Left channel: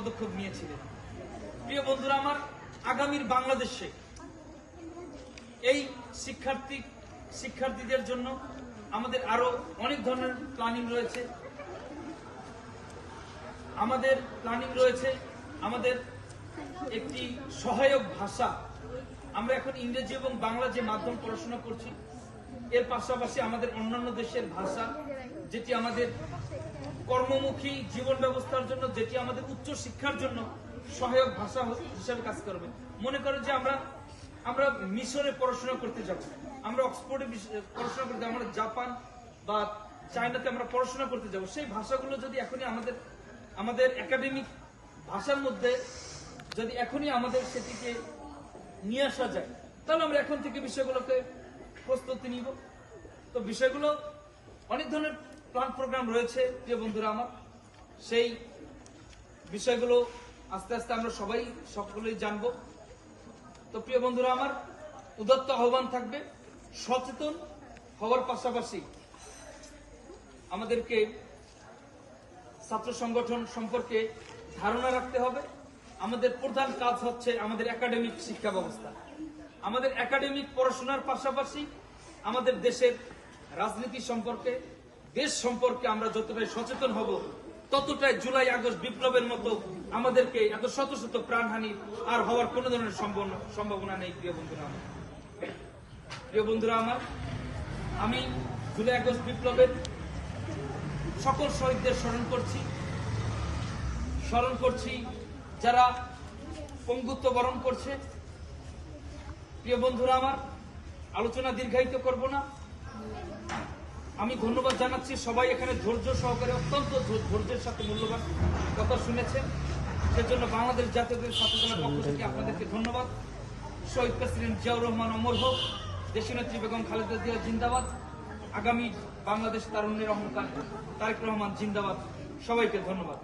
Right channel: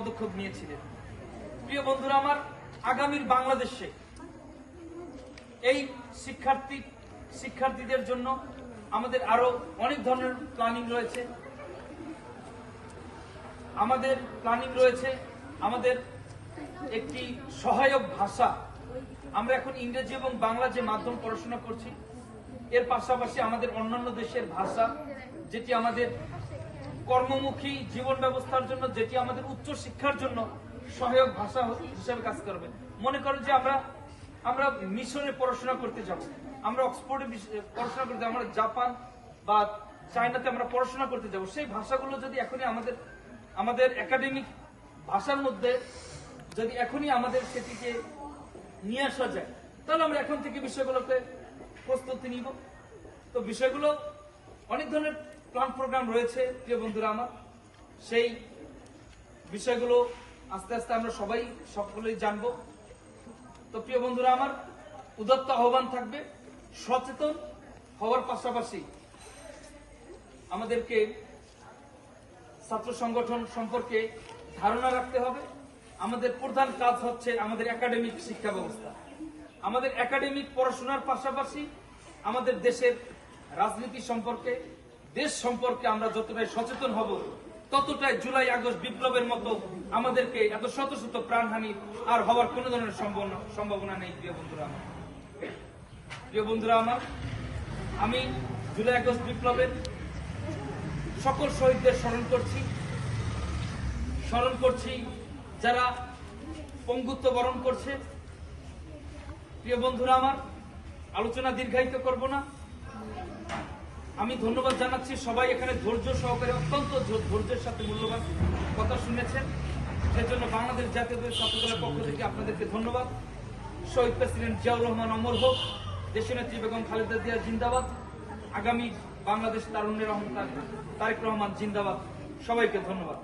পদক্ষেপ নিয়েছিলেন। প্রিয় বন্ধুরা আমার, আগামীর বাংলাদেশে এই শিক্ষার্থীদের জন্য আমাদের আরো অনেক ধরনের প্ল্যানিং রয়েছে। আমাদের একটি সহায়ক ভাষা, আমরা এখন ইংরেজি এবং বাংলা যে মাধ্যম পড়াশোনা করছি, এর পাশাপাশি আমাদের অন্যান্য দেশের ভাষা, যেটি আমাদের কর্মমুখী জীবন ব্যবস্থার জন্য, যেটি আমাদের উচ্চ শিক্ষার জন্য সহায়ক ভাষা হিসেবে কাজ করবে। মনে করেন যে আমরা মিশরে পড়াশোনা করতে যাব, আমরা অক্সফোর্ডে পড়াশোনা করতে, আমরা জাপান বা চায়নাতে আমরা পড়াশোনা করতে যাব, সেই ভাষাগুলো যদি এখনই আমাদের একাডেমিক ভাষার মধ্যে যদি এখনই আমাদের সেটিকে নিয়ে আসা যায়, তাহলে আমরা এখন থেকে বিষয়গুলোকে প্রস্তুতি নিব। তো বিষয়গুলো অনেক ধরনের প্ল্যান প্রোগ্রাম রয়েছে প্রিয় বন্ধুরা আমার, সেই বিষয়গুলো আস্তে আস্তে আমরা সকলেই জানবো। তো প্রিয় বন্ধুরা আমার, উদাত্ত আহ্বান থাকবে, সচেতন হওয়ার পাশাপাশি আমাদেরকে ছাত্র সংগঠন সম্পর্কে ধারণা রাখতে হবে। আমাদের প্রধান কাজ হচ্ছে আমাদের একাডেমিক শিক্ষা ব্যবস্থা। আমাদের একাডেমিক পড়াশোনার পাশাপাশি আমাদের দেশের রাজনীতি সম্পর্কে, দেশ সম্পর্কে আমরা যতটাই সচেতন হব, ততটাই জুলাই আগস্ট বিপ্লবের মতো আমাদেরকে এত শত শত প্রাণহানি আর হওয়ার কোন ধরনের সম্ভাবনা নেই। প্রিয় বন্ধুরা আমার, আমি জুলাই আগস্ট বিপ্লবের সকল শহীদদের স্মরণ করছি যারা পঙ্গুত্ব বরণ করছে। প্রিয় বন্ধুরা আমার, আলোচনা দীর্ঘায়িত করব না, আমি ধন্যবাদ জানাচ্ছি সবাই এখানে ধৈর্য সহকারে, অত্যন্ত ধৈর্যের সাথে মূল্যবান কথা শুনেছেন, সেজন্য বাংলাদেশ জাতীয় ছাত্রদলের পক্ষ থেকে আপনাদেরকে ধন্যবাদ। শহীদ প্রেসিডেন্ট জিয়াউর রহমান অমর হোক, দেশনেত্রী বেগম খালেদা জিয়া জিন্দাবাদ, আগামী বাংলাদেশ তারুণ্যের অহংকার তারেক রহমান জিন্দাবাদ। সবাইকে ধন্যবাদ।